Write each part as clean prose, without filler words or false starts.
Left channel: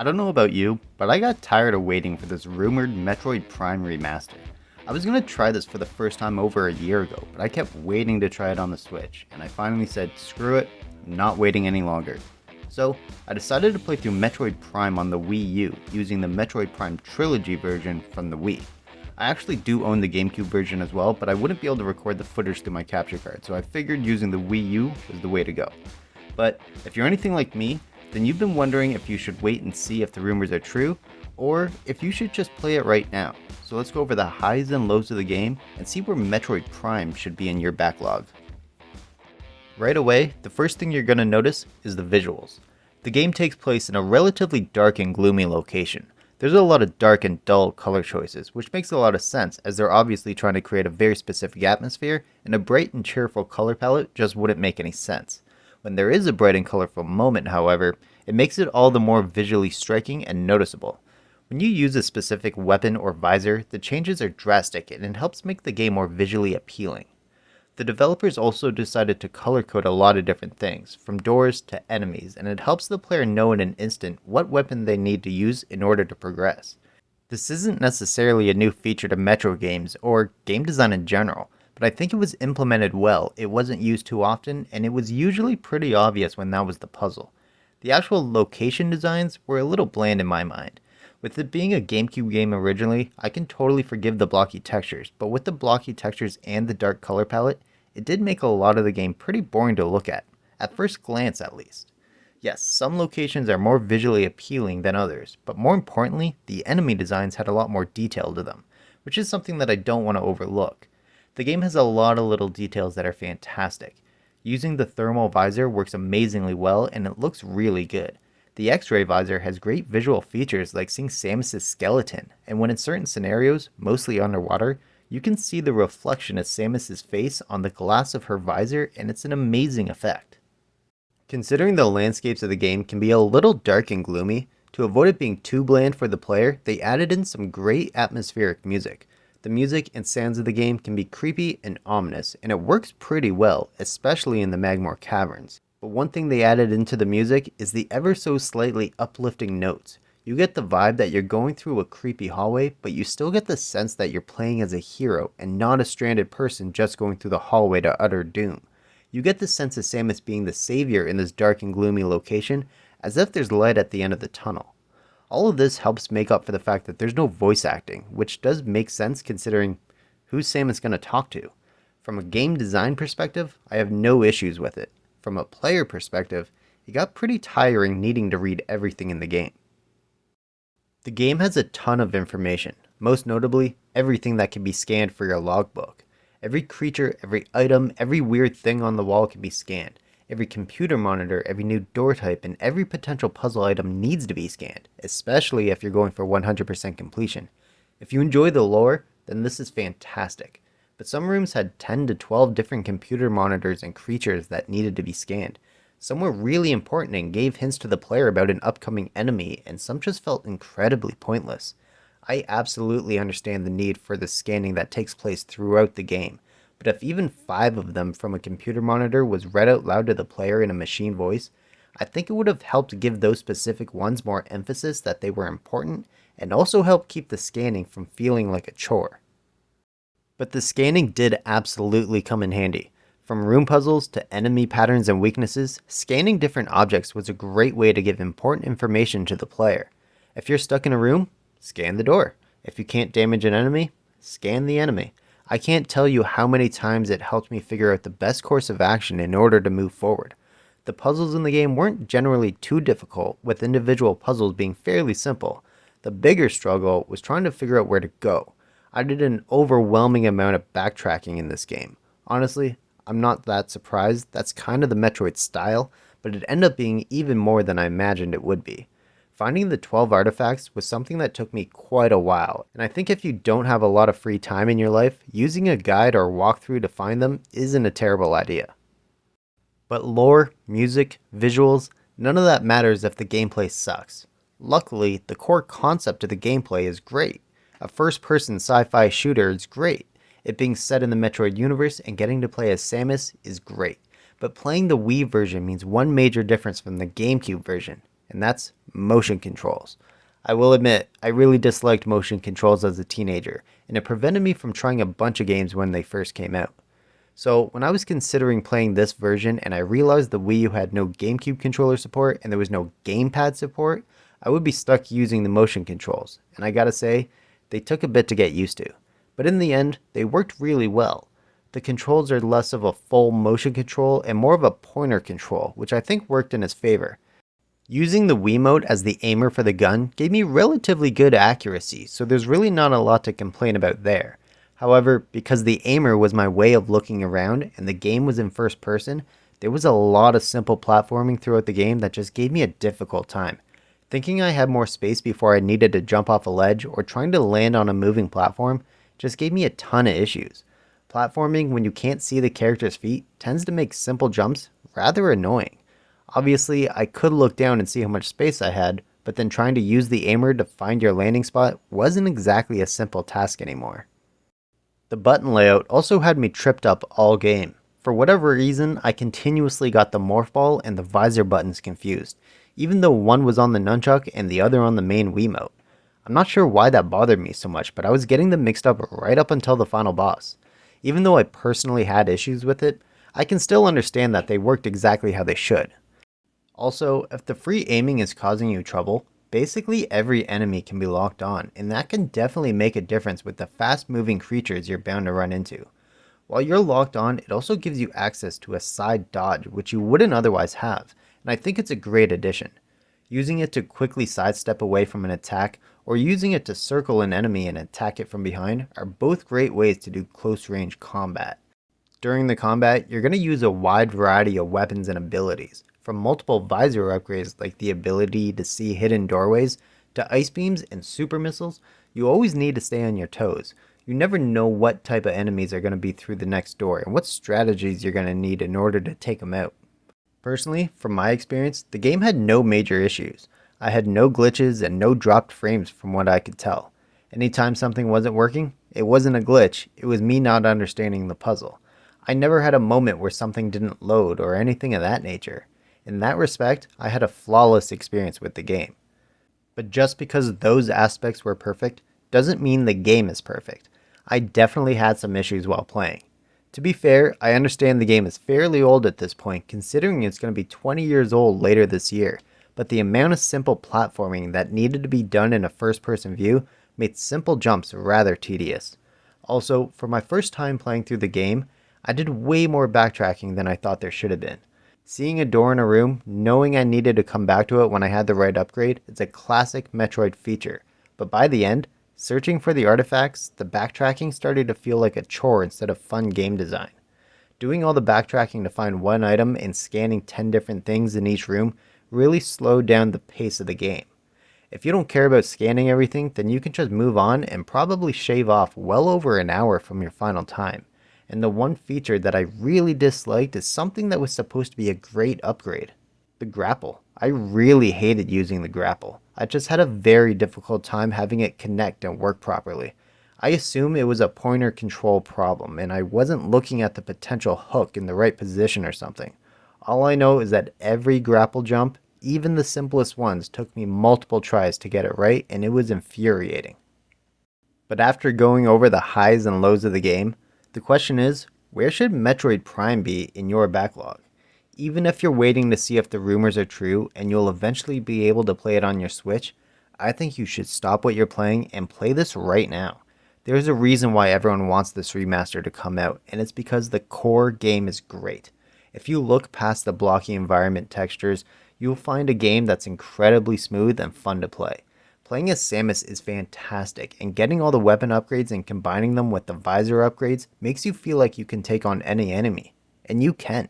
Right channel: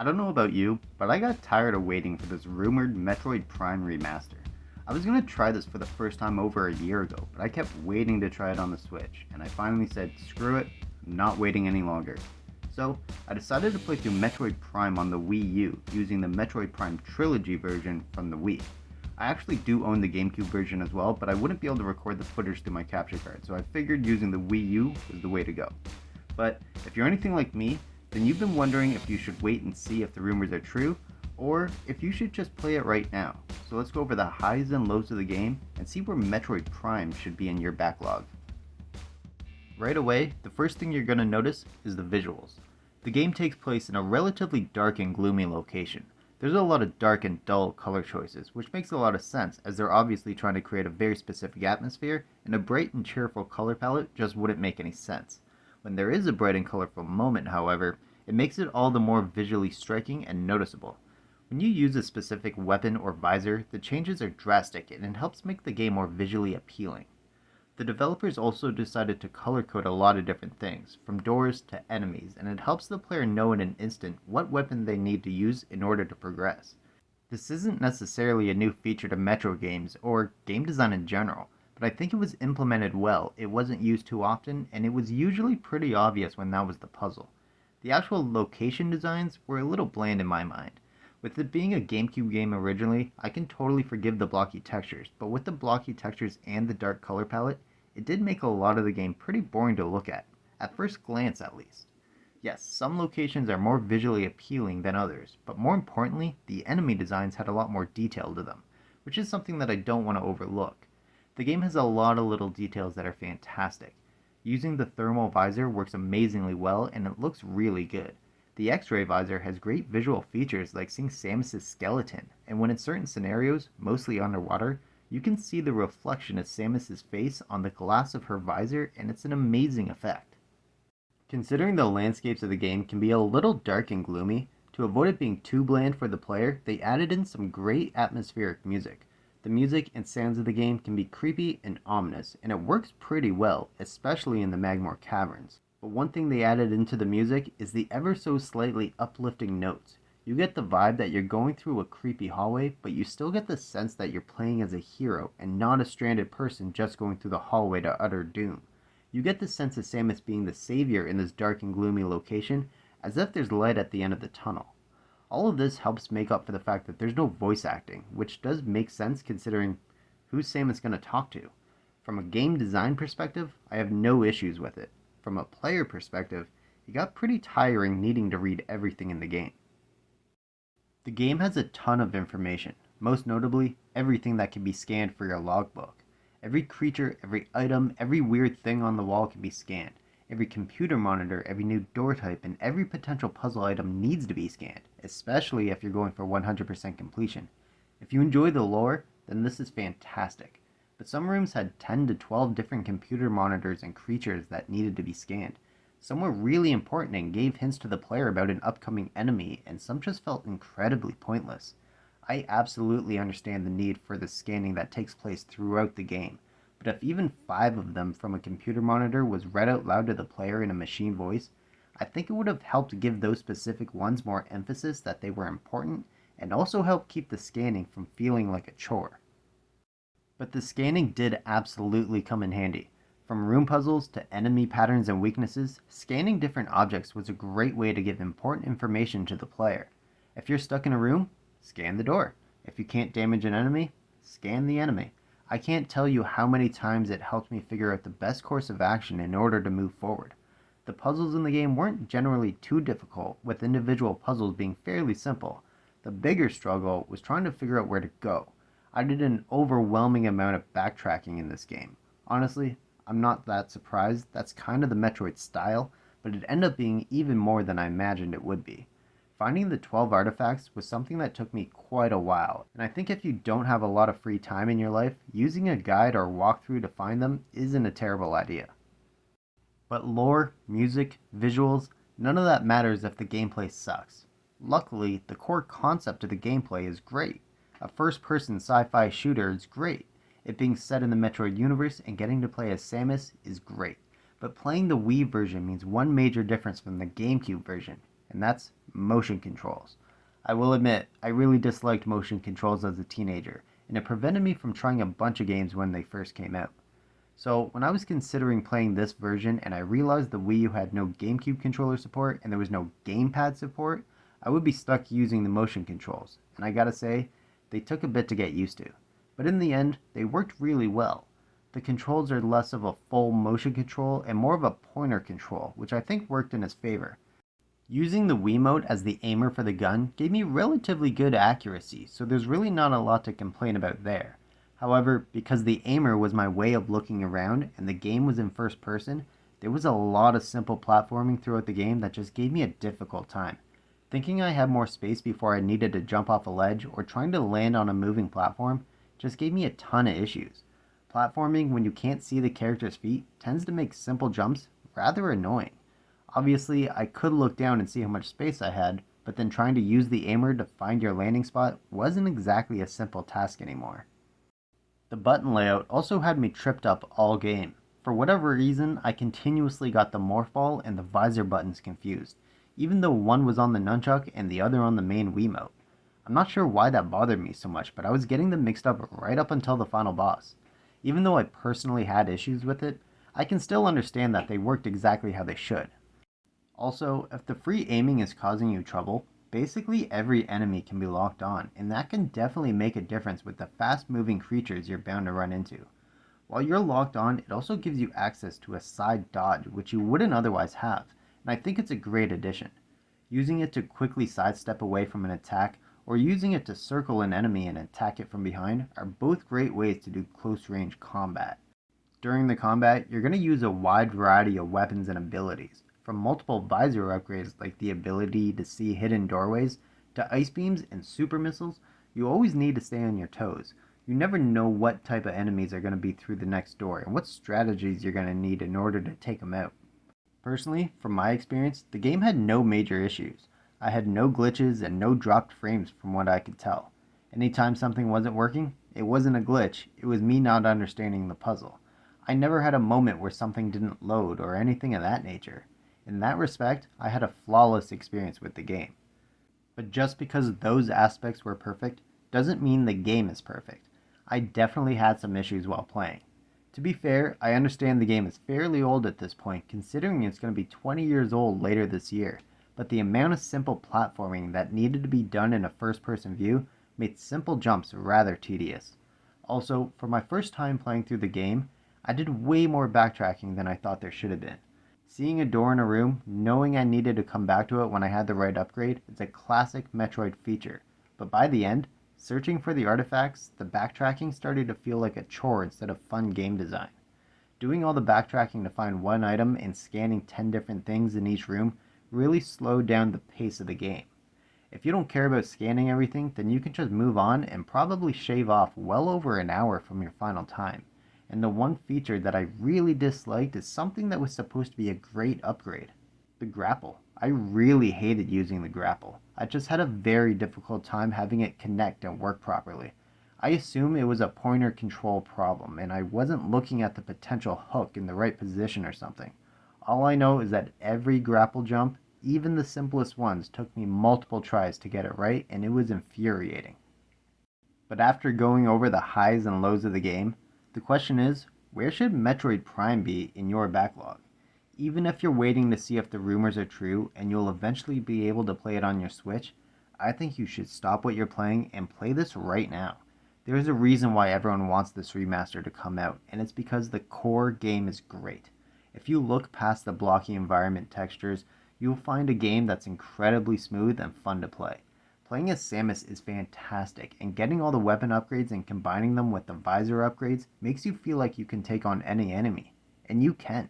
I don't know about you, but I got tired of waiting for this rumored Metroid Prime remaster. I was gonna try this for the first time over a year ago, but I kept waiting to try it on the Switch, and I finally said, screw it, I'm not waiting any longer. So, I decided to play through Metroid Prime on the Wii U using the Metroid Prime Trilogy version from the Wii. I actually do own the GameCube version as well, but I wouldn't be able to record the footage through my capture card, so I figured using the Wii U was the way to go. But if you're anything like me, then you've been wondering if you should wait and see if the rumors are true, or if you should just play it right now. So let's go over the highs and lows of the game and see where Metroid Prime should be in your backlog. Right away, the first thing you're going to notice is the visuals. The game takes place in a relatively dark and gloomy location. There's a lot of dark and dull color choices, which makes a lot of sense as they're obviously trying to create a very specific atmosphere, and a bright and cheerful color palette just wouldn't make any sense. When there is a bright and colorful moment, however, it makes it all the more visually striking and noticeable. When you use a specific weapon or visor, the changes are drastic and it helps make the game more visually appealing. The developers also decided to color code a lot of different things, from doors to enemies, and it helps the player know in an instant what weapon they need to use in order to progress. This isn't necessarily a new feature to Metro games or game design in general, but I think it was implemented well, it wasn't used too often, and it was usually pretty obvious when that was the puzzle. The actual location designs were a little bland in my mind. With it being a GameCube game originally, I can totally forgive the blocky textures, but with the blocky textures and the dark color palette, it did make a lot of the game pretty boring to look at first glance at least. Yes, some locations are more visually appealing than others, but more importantly, the enemy designs had a lot more detail to them, which is something that I don't want to overlook. The game has a lot of little details that are fantastic. Using the thermal visor works amazingly well and it looks really good. The X-ray visor has great visual features like seeing Samus's skeleton, and when in certain scenarios, mostly underwater, you can see the reflection of Samus's face on the glass of her visor and it's an amazing effect. Considering the landscapes of the game can be a little dark and gloomy, to avoid it being too bland for the player, they added in some great atmospheric music. The music and sounds of the game can be creepy and ominous, and it works pretty well, especially in the Magmore Caverns. But one thing they added into the music is the ever so slightly uplifting notes. You get the vibe that you're going through a creepy hallway, but you still get the sense that you're playing as a hero and not a stranded person just going through the hallway to utter doom. You get the sense of Samus being the savior in this dark and gloomy location, as if there's light at the end of the tunnel. All of this helps make up for the fact that there's no voice acting, which does make sense considering who's Samus going to talk to. From a game design perspective, I have no issues with it. From a player perspective, it got pretty tiring needing to read everything in the game. The game has a ton of information, most notably everything that can be scanned for your logbook. Every creature, every item, every weird thing on the wall can be scanned. Every computer monitor, every new door type, and every potential puzzle item needs to be scanned, especially if you're going for 100% completion. If you enjoy the lore, then this is fantastic. But some rooms had 10 to 12 different computer monitors and creatures that needed to be scanned. Some were really important and gave hints to the player about an upcoming enemy, and some just felt incredibly pointless. I absolutely understand the need for the scanning that takes place throughout the game, but if even 5 of them from a computer monitor was read out loud to the player in a machine voice, I think it would have helped give those specific ones more emphasis that they were important, and also help keep the scanning from feeling like a chore. But the scanning did absolutely come in handy. From room puzzles to enemy patterns and weaknesses, scanning different objects was a great way to give important information to the player. If you're stuck in a room, scan the door. If you can't damage an enemy, scan the enemy. I can't tell you how many times it helped me figure out the best course of action in order to move forward. The puzzles in the game weren't generally too difficult, with individual puzzles being fairly simple. The bigger struggle was trying to figure out where to go. I did an overwhelming amount of backtracking in this game. Honestly, I'm not that surprised, that's kind of the Metroid style, but it ended up being even more than I imagined it would be. Finding the 12 artifacts was something that took me quite a while, and I think if you don't have a lot of free time in your life, using a guide or walkthrough to find them isn't a terrible idea. But lore, music, visuals, none of that matters if the gameplay sucks. Luckily, the core concept of the gameplay is great. A first-person sci-fi shooter is great. It being set in the Metroid universe and getting to play as Samus is great. But playing the Wii version means one major difference from the GameCube version, and that's motion controls. I will admit, I really disliked motion controls as a teenager, and it prevented me from trying a bunch of games when they first came out. So when I was considering playing this version and I realized the Wii U had no GameCube controller support and there was no gamepad support, I would be stuck using the motion controls, and I gotta say, they took a bit to get used to. But in the end, they worked really well. The controls are less of a full motion control and more of a pointer control, which I think worked in his favor. Using the Wiimote as the aimer for the gun gave me relatively good accuracy, so there's really not a lot to complain about there. However, because the aimer was my way of looking around and the game was in first person, there was a lot of simple platforming throughout the game that just gave me a difficult time. Thinking I had more space before I needed to jump off a ledge or trying to land on a moving platform just gave me a ton of issues. Platforming when you can't see the character's feet tends to make simple jumps rather annoying. Obviously, I could look down and see how much space I had, but then trying to use the aimer to find your landing spot wasn't exactly a simple task anymore. The button layout also had me tripped up all game. For whatever reason, I continuously got the morph ball and the visor buttons confused, even though one was on the nunchuck and the other on the main Wiimote. I'm not sure why that bothered me so much, but I was getting them mixed up right up until the final boss. Even though I personally had issues with it, I can still understand that they worked exactly how they should. Also, if the free aiming is causing you trouble, basically every enemy can be locked on, and that can definitely make a difference with the fast moving creatures you're bound to run into. While you're locked on, it also gives you access to a side dodge which you wouldn't otherwise have, and I think it's a great addition. Using it to quickly sidestep away from an attack, or using it to circle an enemy and attack it from behind are both great ways to do close range combat. During the combat, you're going to use a wide variety of weapons and abilities, from multiple visor upgrades like the ability to see hidden doorways, to ice beams and super missiles. You always need to stay on your toes. You never know what type of enemies are going to be through the next door and what strategies you're going to need in order to take them out. Personally, from my experience, the game had no major issues. I had no glitches and no dropped frames from what I could tell. Anytime something wasn't working, it wasn't a glitch, it was me not understanding the puzzle. I never had a moment where something didn't load or anything of that nature. In that respect, I had a flawless experience with the game. But just because those aspects were perfect, doesn't mean the game is perfect. I definitely had some issues while playing. To be fair, I understand the game is fairly old at this point, considering it's going to be 20 years old later this year, but the amount of simple platforming that needed to be done in a first-person view made simple jumps rather tedious. Also, for my first time playing through the game, I did way more backtracking than I thought there should have been. Seeing a door in a room, knowing I needed to come back to it when I had the right upgrade, is a classic Metroid feature, but by the end, searching for the artifacts, the backtracking started to feel like a chore instead of fun game design. Doing all the backtracking to find one item and scanning 10 different things in each room really slowed down the pace of the game. If you don't care about scanning everything, then you can just move on and probably shave off well over an hour from your final time. And the one feature that I really disliked is something that was supposed to be a great upgrade. The grapple. I really hated using the grapple. I just had a very difficult time having it connect and work properly. I assume it was a pointer control problem and I wasn't looking at the potential hook in the right position or something. All I know is that every grapple jump, even the simplest ones, took me multiple tries to get it right, and it was infuriating. But after going over the highs and lows of the game, the question is, where should Metroid Prime be in your backlog? Even if you're waiting to see if the rumors are true and you'll eventually be able to play it on your Switch, I think you should stop what you're playing and play this right now. There's a reason why everyone wants this remaster to come out, and it's because the core game is great. If you look past the blocky environment textures, you'll find a game that's incredibly smooth and fun to play. Playing as Samus is fantastic, and getting all the weapon upgrades and combining them with the visor upgrades makes you feel like you can take on any enemy. And you can.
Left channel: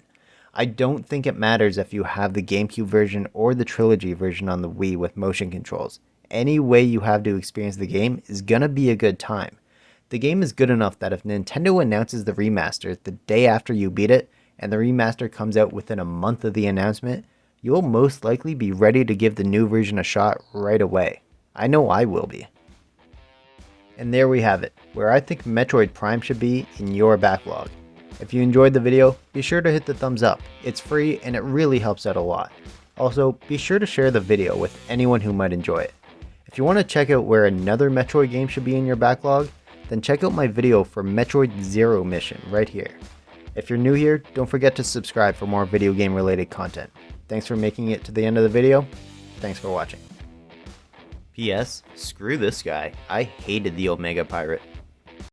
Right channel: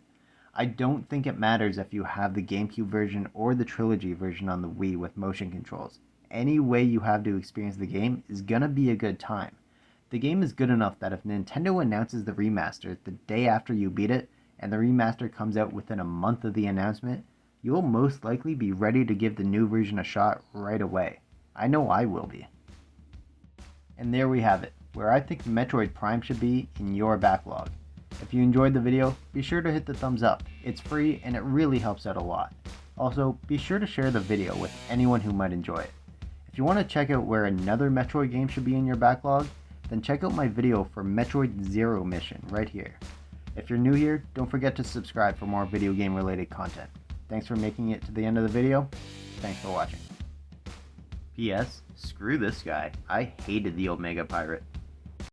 I don't think it matters if you have the GameCube version or the Trilogy version on the Wii with motion controls. Any way you have to experience the game is gonna be a good time. The game is good enough that if Nintendo announces the remaster the day after you beat it, and the remaster comes out within a month of the announcement, you'll most likely be ready to give the new version a shot right away. I know I will be. And there we have it, where I think Metroid Prime should be in your backlog. If you enjoyed the video, be sure to hit the thumbs up. It's free and it really helps out a lot. Also, be sure to share the video with anyone who might enjoy it. If you want to check out where another Metroid game should be in your backlog, then check out my video for Metroid Zero Mission right here. If you're new here, don't forget to subscribe for more video game related content. Thanks for making it to the end of the video. Thanks for watching. P.S. Screw this guy. I hated the Omega Pirate.